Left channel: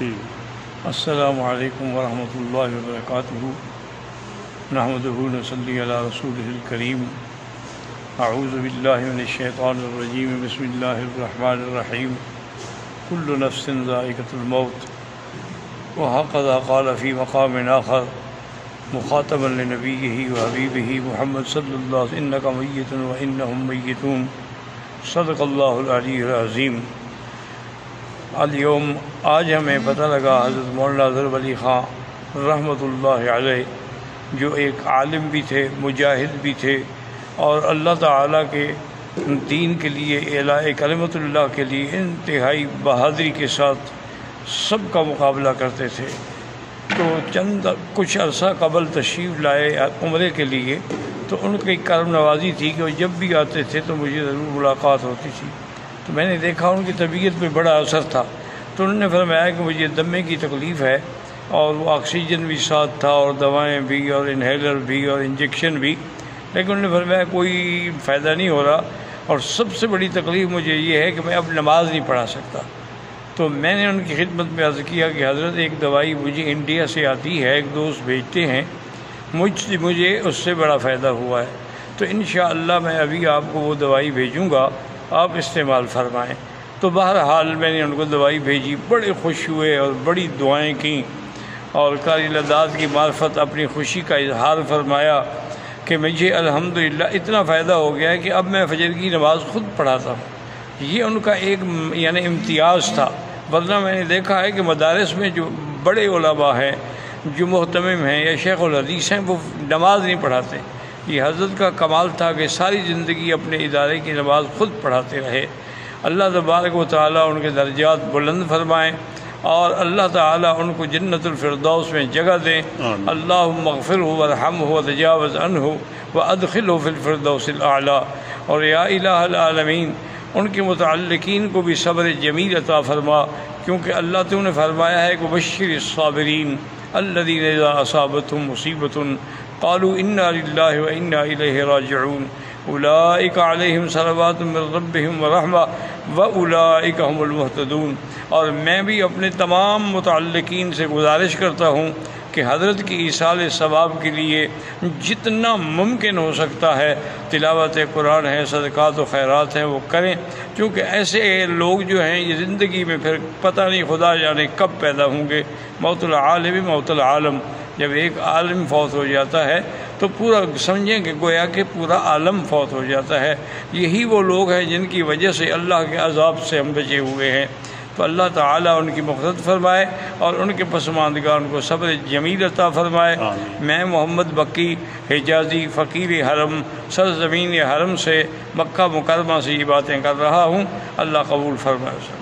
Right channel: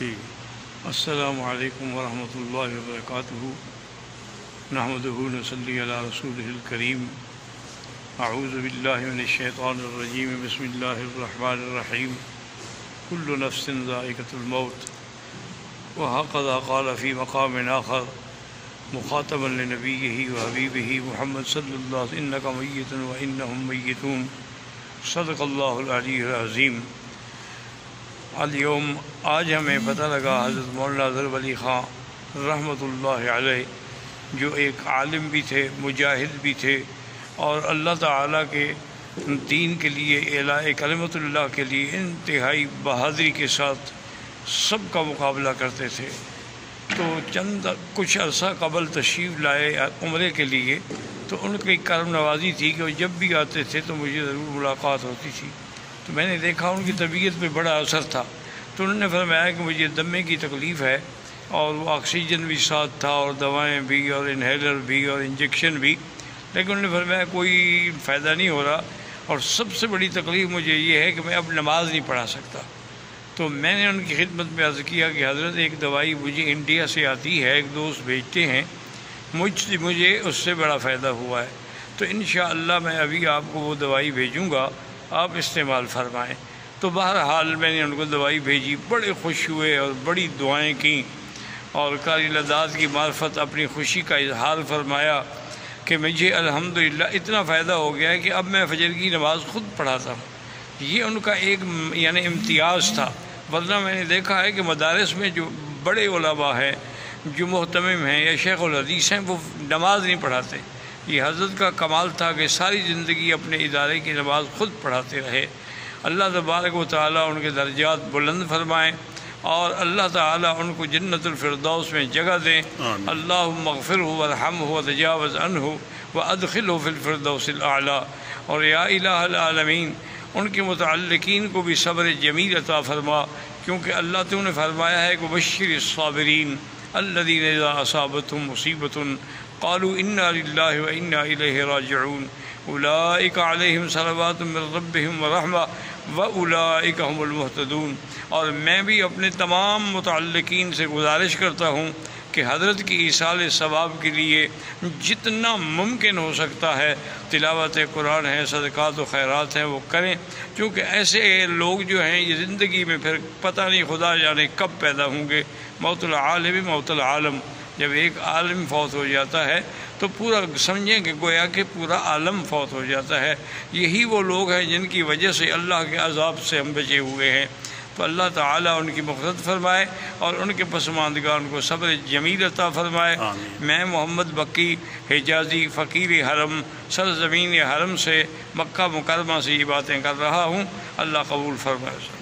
السلام علیکم ورحمۃ اللہ وبرکاتہ۔ نحمدہ ونصلی علی رسولہ الکریم۔ اعوذ باللہ من الشیطان الرجیم، بسم اللہ الرحمن الرحیم۔ کل نفس ذائقۃ الموت، وہکذا قال فی مقام آخر مخاطبا لنبیہ وحبیبہ محمد صلی اللہ علیہ وسلم، انک میت وانہم میتون، صدق اللہ العلی العظیم۔ اليوم آج ہمیں پتہ لگا حضرت مولانا ظفر علی خان رحمۃ اللہ علیہ، جو ایک عالم بھی تھے، مجاہد بھی تھے، اور اللہ تعالیٰ کے دین کے لیے، اعلاء کلمۃ اللہ کے لیے انتہائی بہادری کے ساتھ سب کا مقابلہ کرتے تھے۔ تو کچھ عرصہ قبل تشریف لائے عمرے کے لیے، تو ان کی کرم نوازی تھی کہ وہ جب بھی آتے تھے تو مجھے ضرور ملاقات ہوتی تھی۔ تو میں نے دیکھا ان کی طبیعت پہ بڑا اثر تھا، تو انہوں نے فرمایا کہ مجھے دمے کی تکلیف ہے، اور وہ آکسیجن بھی ساتھ تھا، اور دوائیں بھی، اور انہیلر بھی، اور انجیکشن بھی، لیکن انہوں نے فرمایا کوئی فائدہ نہیں ہو رہا، اور سب سے بڑی تکلیف مجھے یہ ہے کہ میں اب نماز نہیں پڑھا سکتا۔ تو میں نے ان کی خدمت میں عرض کیا کہ حضرت ایک دوائی مجھے انڈیا سے آتی ہے، ایک دوست بھیجتے ہیں، مجھے اس سے بڑا فائدہ ہوا ہے، تو انشاءاللہ میں ابھی آپ کو وہ دوائی بھیجوں گا، آپ استعمال فرمائیں۔ تو بہرحال میں نے ان کو دوائی بھیجی، بڑے خوش ہوئے اور بڑی دعائیں کیں، اور قاری لداد کی معرفت اپنی خوشی کا اظہار فرمایا کہ مجھے الحمدللہ اتنا فائدہ ہو گیا ہے کہ اب میں فجر کی نماز خود پڑھاتا ہوں۔ یہ ان کا ایک امتیاز تھا، ورنہ میں نے دیکھا ہے کہ مدارس میں جو بڑے علماء ہیں، جو محتمم ہیں یا شیخ الحدیث ہیں، وہ نماز نہیں پڑھاتے۔ یہ حضرت کا کمال تھا کہ ساری زندگی اپنے ادارے کی نماز خود پڑھاتے رہے۔ اللہ تبارک و تعالیٰ ان کے درجات بلند فرمائیں، اور اللہ تعالیٰ ان کو جنت الفردوس میں جگہ دیں۔ اللہم اغفرہ وارحمہ وتجاوز عنہ وادخلہ فی الفردوس الاعلیٰ۔ اور یا الہ العالمین، ان کے متعلقین کو بھی صبر جمیل عطا فرما، کیونکہ اللہ تو نے فرمایا ہے کہ بشر الصابرین الذین اذا اصابتہم مصیبۃ قالوا انا للہ وانا الیہ راجعون، اولئک علیہم صلوات من ربہم ورحمہ واولئک هم المہتدون۔ اور میں بھی اپنے تمام متعلقین سے گزارش کرتا ہوں کہ حضرت کی ایصال ثواب کے لیے جتنا ممکن ہو سکتا ہے تلاوت قرآن ہے، صدقات و خیرات ہیں، وہ کریں، کیونکہ ایسے لوگ جو ہیں یہ زندگی میں پھر پتہ نہیں خدا جانے کب پیدا ہوں گے۔ موت العالم موت العالم، جب ایک عالم فوت ہو جاتا ہے تو پورا سمجھیں کہ گویا کہ پورا عالم فوت ہو جاتا ہے۔ یہی وہ لوگ ہیں جن کی وجہ سے اللہ کے عذاب سے ہم بچے ہوئے ہیں۔ تو اللہ تعالیٰ ان کی مغفرت فرمائے اور ان کے پسماندگان کو صبر جمیل عطا فرمائے۔ میں محمد بکی حجازی فقیر حرم سرزمین حرم سے، مکہ مکرمہ سے یہ باتیں کر رہا ہوں۔ اللہ قبول فرمائے۔